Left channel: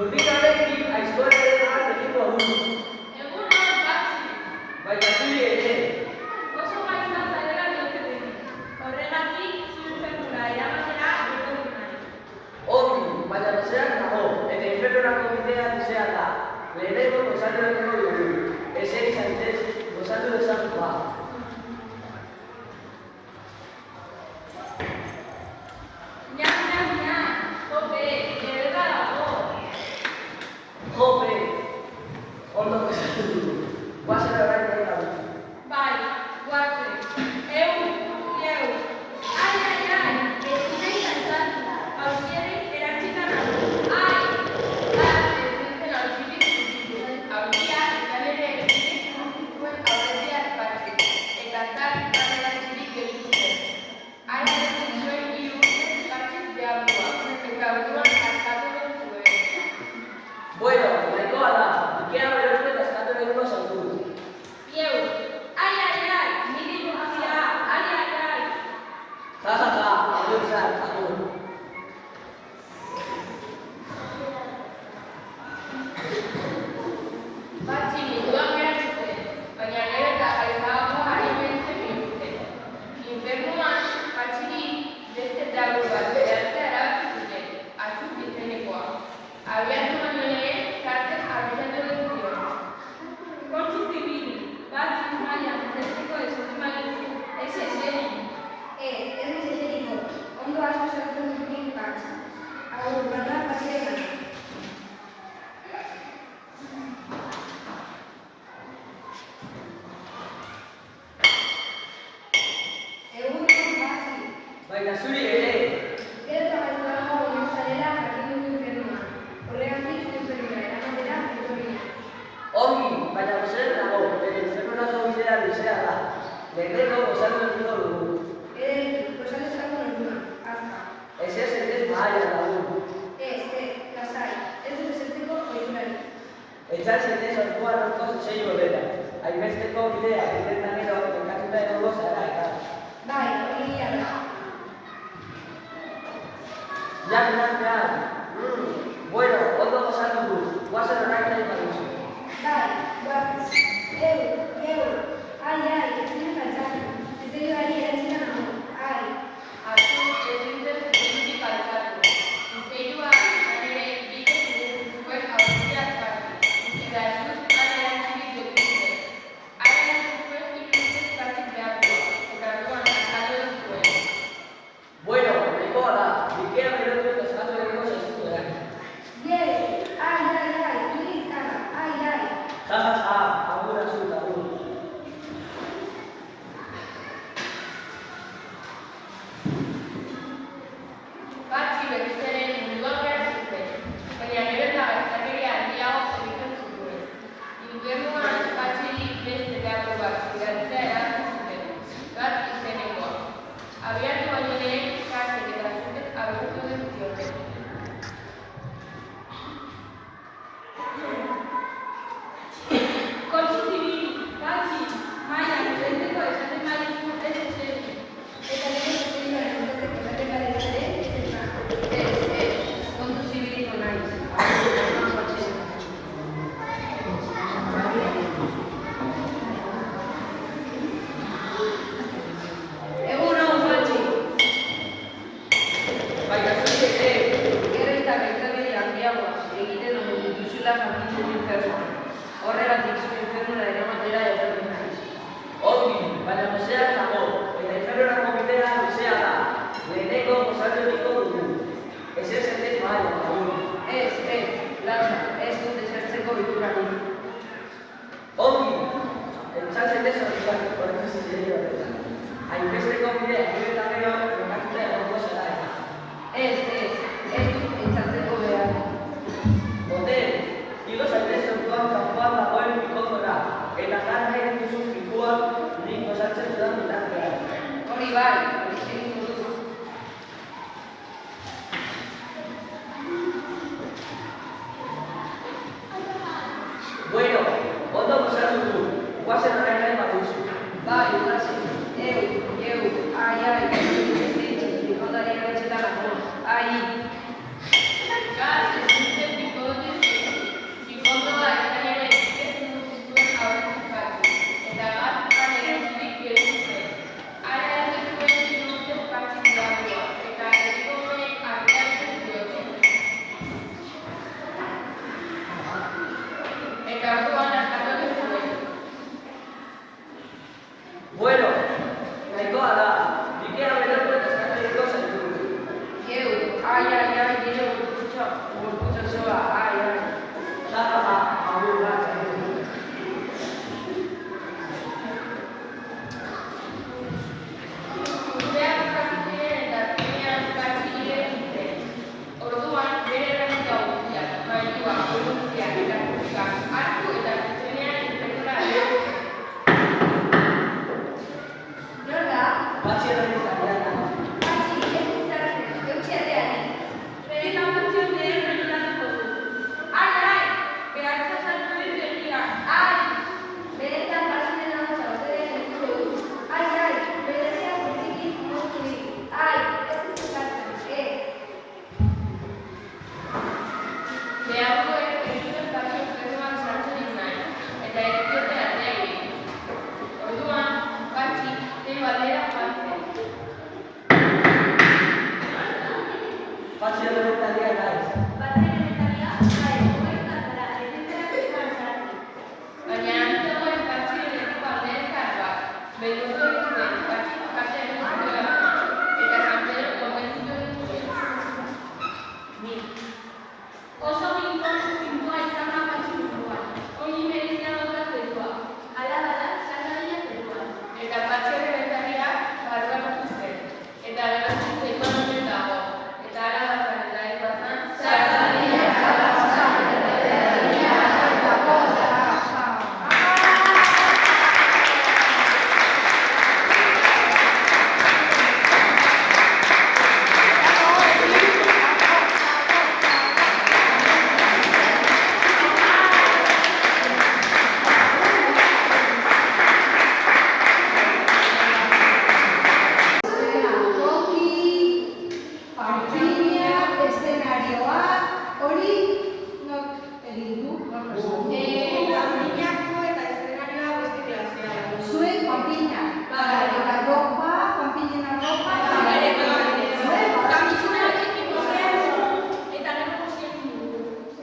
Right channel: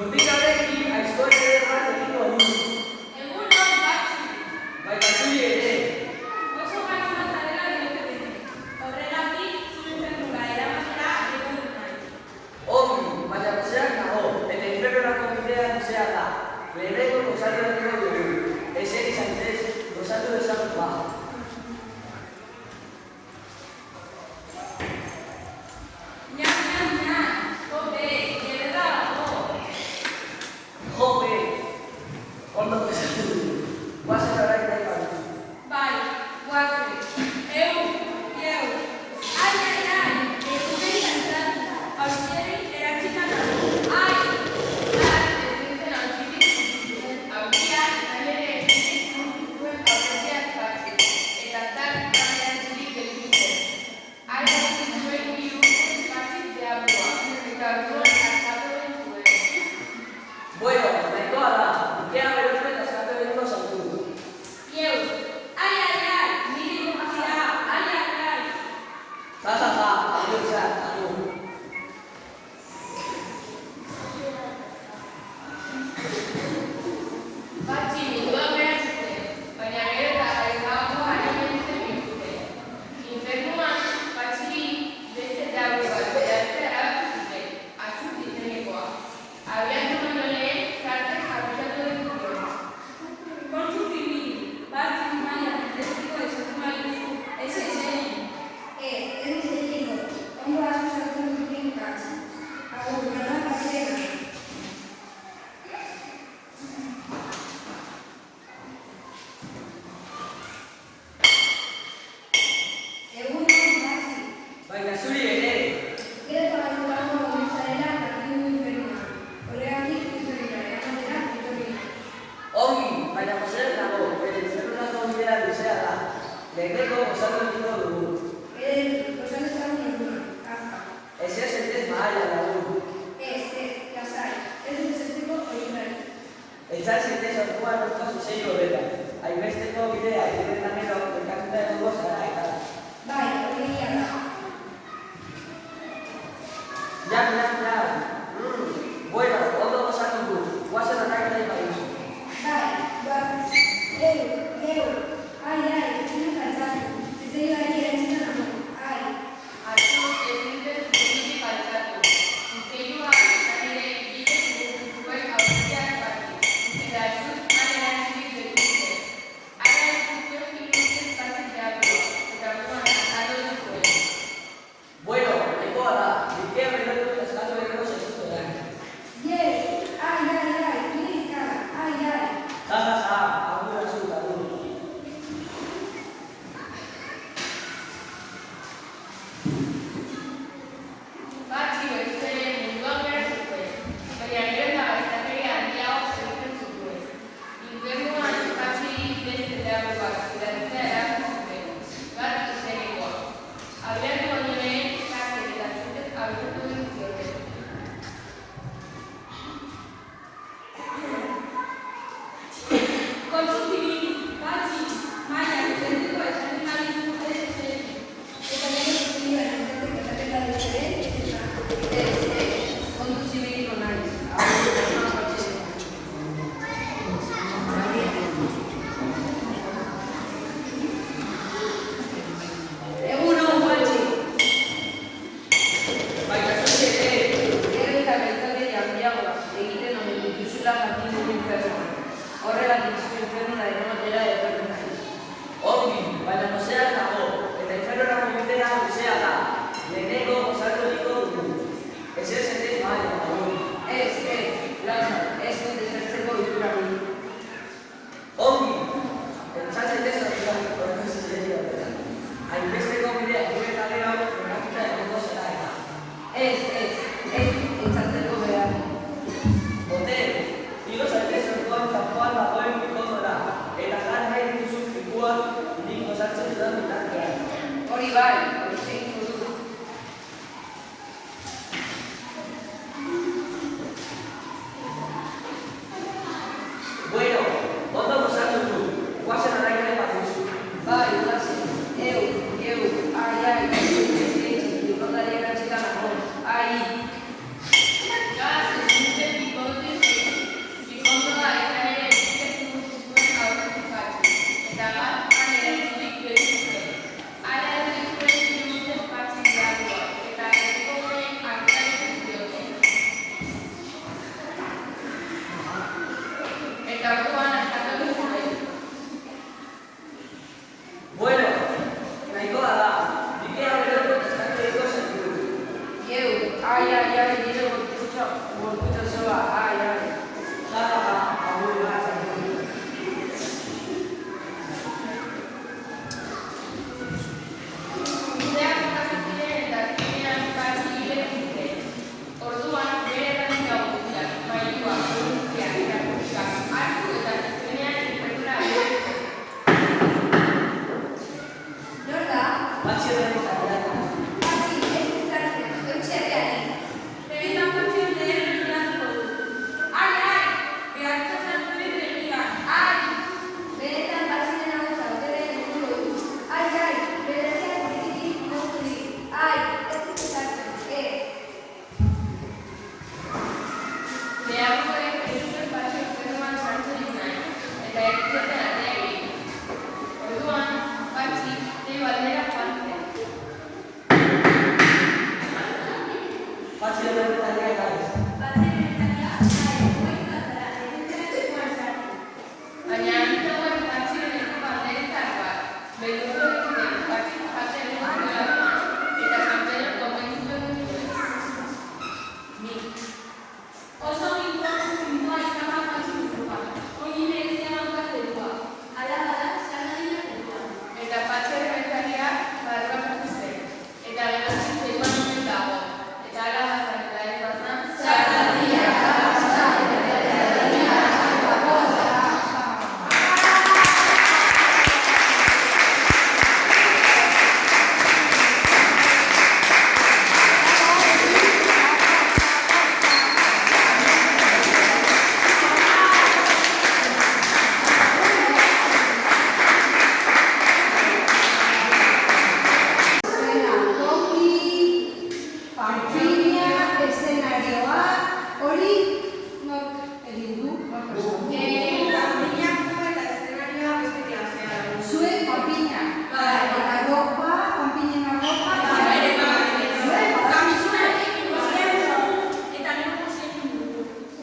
Murtikarekin aizkoaren egiko du. Egun hor batzi. Baina zuri ere. Oso gaizma zarela diote. Horregatik zure eramatera egon nahi. Ongi, baina gozeak nago, eta infernorako bidea luzea da. Lehenengo gozatu egiko dugu. Eseri zaitez, gozatu dezagun ba. Jope, ondo gozatu dugu. Guazen orain nahi gabe. Bai, guazen. Eu. Ai, ez dut izan hausieri eratzikan nago. Ai, ez nintzen hausirik hausia izan ere egiten zuen aurretiak batzik. Eta zan eratzirik gelditu zen. Ara egin zuen hiru batzik deabua. Eta orduan hartatu den zuen. Bueno, nahikoa da. Ikea berezko eta eskatu egingo zautu. Ieu, ai, niri guztia, ai. Ja, agur izan, agur. Batzi munduan geratzen, baina gero eta gaizago ari behintzen bihurtzen. Infernuan, batziri beste dago bat behartzea erabaki zuten, azut izenekoa. Abiatu baino lehen, zartek abitatu den zion. Kontzu zibili, batzi maia, destiko esan baizu, ez eseri. Ez eseri, ondo asko zeratzen duten batzi. Agur, gana batziena. Egun batzi. Baina zuri ere. Gero eta batzuago hori zarela jakin du infernuan. Horregatik zuzenia eramatera etorri nahi. Ongi, baina gozeak nago, eta infernurako bidea luzea da. Lehenengo gozatu egiko dugu. Posan dezagun orduna, azka. Ez zaitez mahaia lagun. Lasai, ez dut esertzeko oiturari. Etxar zaitez orduan orko zei horrela. Hainbesteko bidea, irretan ero, dekatuta egongo zara eta. Bai, hori egia da. Jan. Bueno, ondo gozatu du. Guazen horrak nahi badizu. Bai, guazen. Ai, zinu kaltzatu. Zizeiari erantzina nago. Ai. Atzo ez nintzen zuzenitik altzatu. Zuzeirua izan ere egiten zuen hausiak batzik. Eta ez dut erantzirik dekutzen. Ara egin zuen hiru batzik deabua. Eta orduan hartatu den zuen. Bueno, nahikoa da. Ikea beroriko eta eskatu egingo zaizutu erain. Ai, nire izkara. Ai. Ja, agur azut, agur. Batzi berriz ere munduan geratzen zen, baina gero eta gaiztakeria handiago segitzen zituen. Infernuan batziri beste dago bat gidatzea erabaki zuten, bat izenekoa. Abiatu baino lehen, zartek eta zutek abitutu den zioten. Kontzu zibili, batzi, maia, destiko esaten badizu ez eseri. Eta nire zuzenia entzateko esaten badizare, Kontzu zibiliko naiz. egun hau batzi. Baina zuri ere. Gero eta gaiztakeria handiago egiten omen dituzula jakin du infernuan. Horregatik zure infernura eramatera etorri naiz. Ongi, baina gozeak nago, eta infernurako bidea luzea da. Lehenengo gozatu egiko dugu. Ez zaitez mahaia lagun. Lasai, ez dut esertzeko oiturari. Ongi, etxar zaitez orduan zizeri horrela. Hainbesteko bidea, irretan ero, dekatuta egongo zara eta. Ez dut etxatzeko behar. Bote, igo zaitez orduan kanpoan dagoen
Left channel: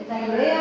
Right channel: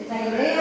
eta geurea